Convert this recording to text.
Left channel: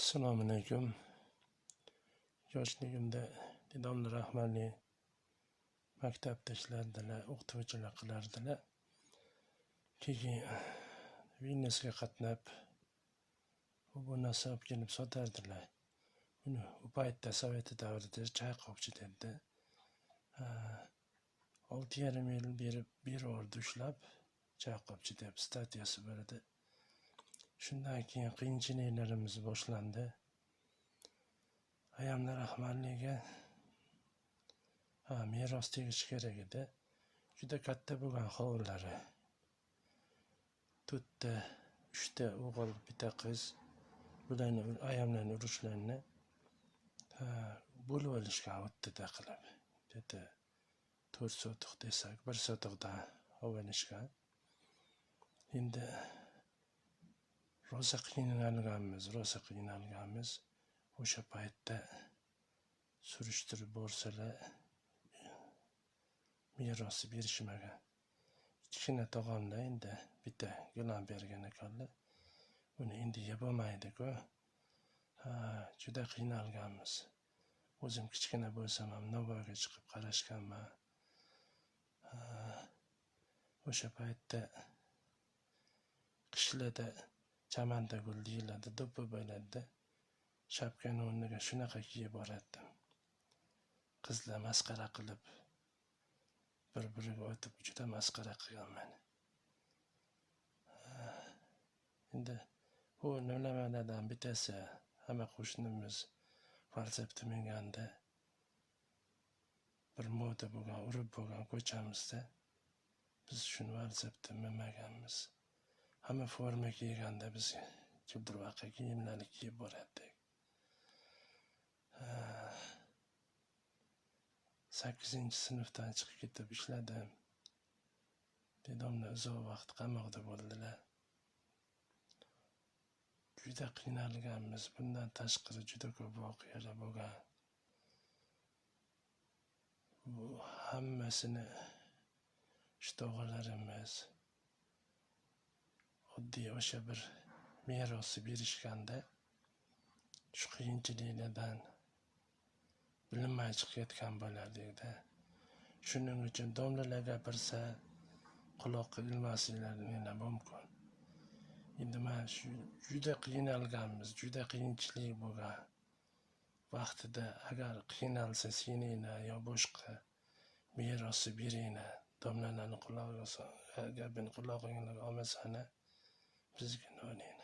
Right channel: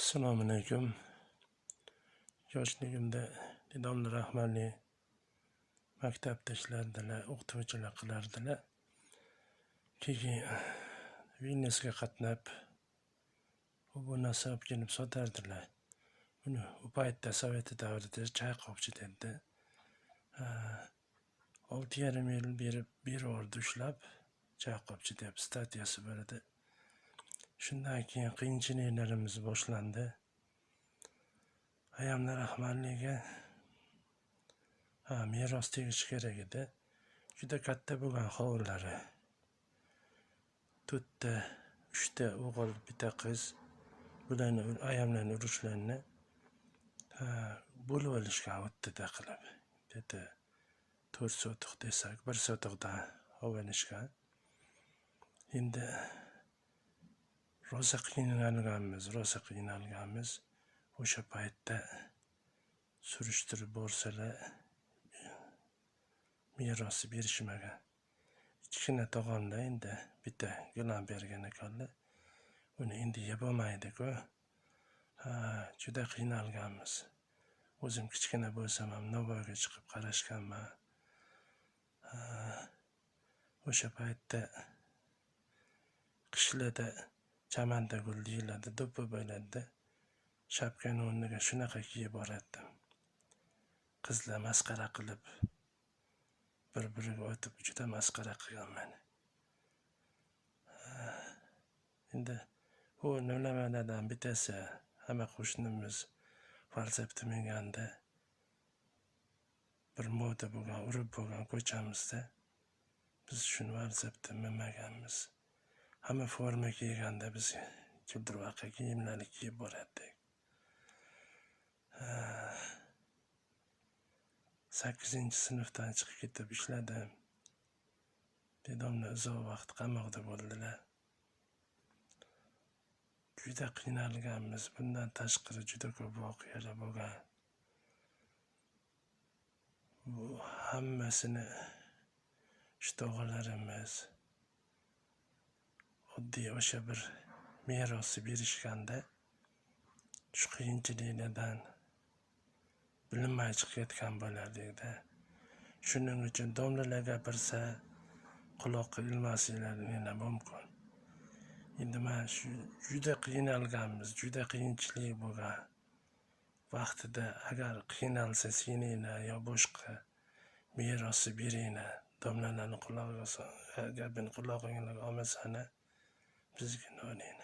Assalomu alaykum. Yoshligimda dedamlar rahmatli maktabda ishlardilar, o'qituvchilik qilardilar. Keyin Vilniusga qatnab, bu narsa olib kelib sotardilar. Buni u paytda Sovet davrida Chayqovchi dedi. 6,5 yil berib ushlab, Chayqovchi deb statiyasi bor edi. Shundan keyin qiyinchiliklarimiz boshlandi. Ayamlar rahmatliga meros tegishi kerak edi. Juda katta bo'lgan hovlilari. 4ta, 3ta o'g'il, bitta qiz. Bularni ayamlarning urushlarini bo'lib olishgan o'ttida qilib. Dedi 4 sotiq desak, 1 sotiqdan olishgan. Endi rosa qiynalganmiz. O'sha paytda surishtirib borsalar merosni berishmagan. Kichkina tog'amlar endi bitta gilam bergan ekanlar. Uni endi yeb olmaydi-ku. Juda qiynalganmiz. O'zim kichkina bo'lsam ham Navoiyga chiqib qarashganman. O'sha paytda qishlarda chamanda gul deyiladi, do'ppi bo'ladi. Shapkani o'rniga shunaqa kiyib borardim. Qizlar masxara qilib, bir-biriga o'tib juda masxara qilganman. Endi u nimalardan bittasi, hamma qo'shnimiz falsafda minganda bir moda bo'lgan, urib bo'lgan ko'chamizda biz shuni falsafda minmaganmiz. Hamma forma kiyganda biz childirvaqa kiyimlarni kiyib borardik. 8-sinfdan chiqib ketib ishladim. Dedamlar uzoq vaqt qamoqda bo'ldilar. Juda qiynalganmiz. Bundan tashqari juda ko'p voqealar bo'lgan. Bu hammasini tog'alarimiz oddiy o'sha bir merosni berishganda shu qiyinchiliklardan bilinmay chiqib ketgan bo'lardik-da. Shuning uchun domlalar gapirsa quloqqa ilmasliklaring mumkin. Endi men shu juda qiynalganmiz, juda qiyinchilik bo'lgan vaqtida agar qiynalsa seninglar yo boshqa merosni beringlar, domlalarni gapini qulog'inglarga olmasana, bizga olinglar.